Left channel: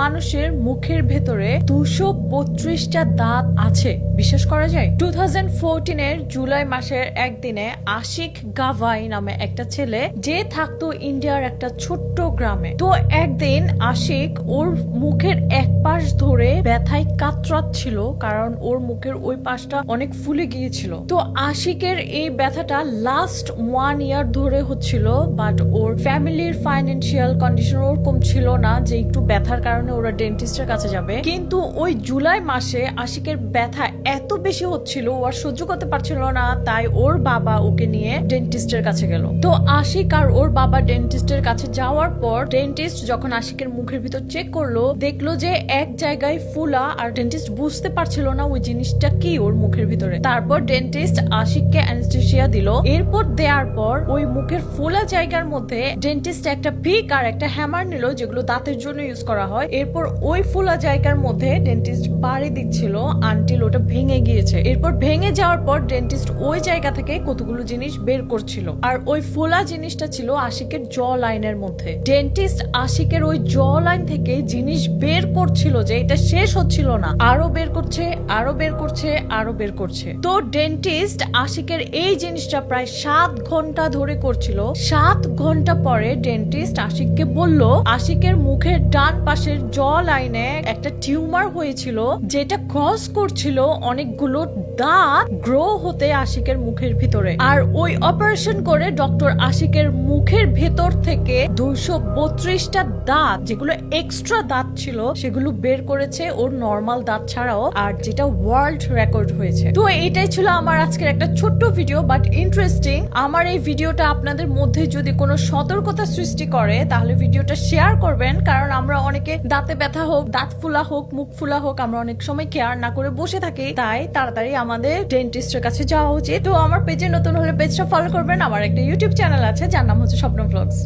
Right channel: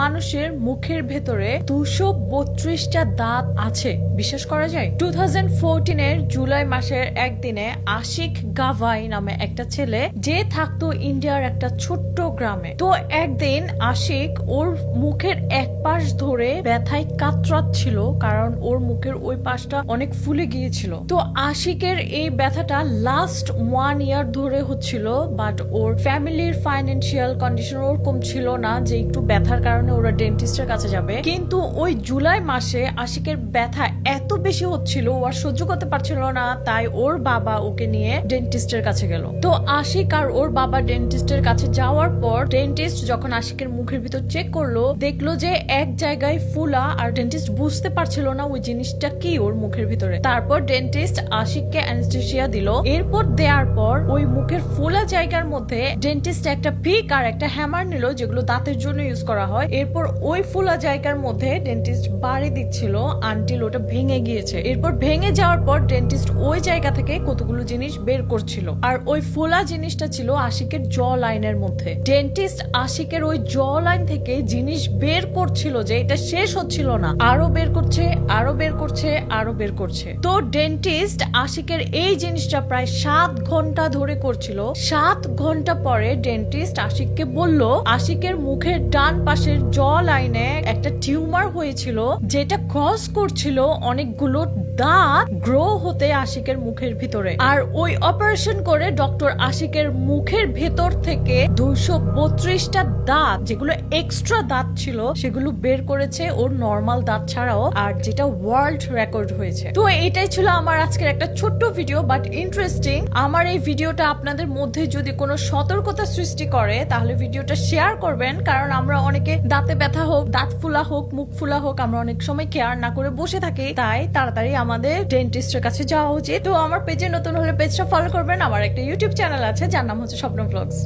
মানুষের মুখের ভেতরে দুশো বত্রিশটা দাঁত আছে। বিশ্বাস করা যায়? টু এর জুলাই মাসের একদিনে আশিক গাভাই নামে একটা ছেলে, যে থাকতো ইন্ডিয়ার একটা ছোট্ট গ্রামে। তো একদিন আশিক ওর মুখের এক পাশ ধরে ব্যথায় কাতরাচ্ছিল, কারণ ওর মুখের ওই পাশটা অনেক ফুলে গিয়েছিল। তো আশিকের এই ব্যথাটা লাস্ট ওয়ান ইয়ার ধরে হচ্ছিল বাট ওর ফ্যামিলির ফাইন্যান্সিয়াল কন্ডিশন ওরকম ছিল না যে একটু ব্যথার কারণে ওরা ডেন্টিস্টের কাছে যাবে। কিন্তু ওই জুলাই মাসে আশিকের ব্যথা এত বেশি হচ্ছিল, ও আর সহ্য করতে পারছিল না, তাই ওর বাবা ওকে নিয়ে ডেন্টিস্টের কাছে গেল। তো আশিক আর ওর বাবা ডেন্টিস্টের কাছে যাওয়ার পর ডেন্টিস্ট যখন আশিকের মুখের ভিতর চেক করল, দেখল যে এক জায়গায় ফুলা আর ডেন্টিস্ট বুঝতে পারছিল না ওই জিনিসটা কি ওর মুখের ভিতরে। তারপর ডেন্টিস্ট আশিককে অ্যানেস্থেসিয়া দিল। এরপর দেওয়ার পর ওই মুখের ফোলা জায়গার মধ্যে ডেন্টিস্ট একটা পিক আর একটা হ্যামার নিল, যেগুলো দাঁতের জন্য ইউজ করা হয়। এরপর ওই ফোলা জায়গার মধ্যে ডেন্টিস্ট বাড়ি দিচ্ছিল আনটিল ওটা ভেঙে গিয়েছে। এরপর ভেঙে যাওয়ার পর ডেন্টিস্ট ওই জায়গা থেকে কতগুলো জিনিস বের করছিল। আর ওই ফোলা জিনিসটা ছিল আশিকের জ লাইনের মধ্যে। ডেন্টিস্ট আশিকের ওই জ লাইন থেকে জিনিস বের করছিল যে এটা শেষ হচ্ছিল না। আরও বের করছে, আরও বের করছে, আরও বের করছে। তো ডেন্টিস্ট আশিকের এই জিনিসটা প্রায় সাত ঘণ্টা ধরে করছিল। সাত ঘণ্টা পরে ডেন্টিস্ট আশিককে বলল, আশিকের মুখের ডান পাশের জ লাইনে একটা টিউমার হয়েছিল, যেটা ক্রস করছিল অনেকগুলো দাঁত গ্রো হতে আশিকের মুখের ভিতরে। আর ওই অপারেশন করে ডক্টর আশিকের মুখের ভেতর থেকে দুইশো বত্রিশটা দাঁত, যেগুলো এক্সট্রা দাঁত ছিল, সেগুলো বের করেছে ওর নর্মাল দাঁত ছাড়াও, আর যেটা ওয়ার্ল্ড রেকর্ড হয়েছে। তো এটাই ছিল আমার আজকের একটা ছোট্ট ভিডিও বাট ইন্টারেস্টিং আমার এই ভিডিওটা আপনাদের মধ্যে যদি কোনো সতর্কতা সৃষ্টি করে, তাহলে ভিডিওটা শেয়ার করবেন, কারণ আমরা অনেকে দাঁতে ব্যথা হোক, দাঁত ফুলা হোক, মুখ ফুলা হোক, আমরা অনেক সময় কেয়ার না করে বসে থাকি। তাই তাড়াতাড়ি আমাদের ডেন্টিস্টের কাছে যাওয়া উচিত। তো আমার পেজে নতুন হলে পেজটা ফলো করবেন। আমার একটা ইউটিউব চ্যানেল আছে, যার নাম হচ্ছে স্বপ্ন ব্লগস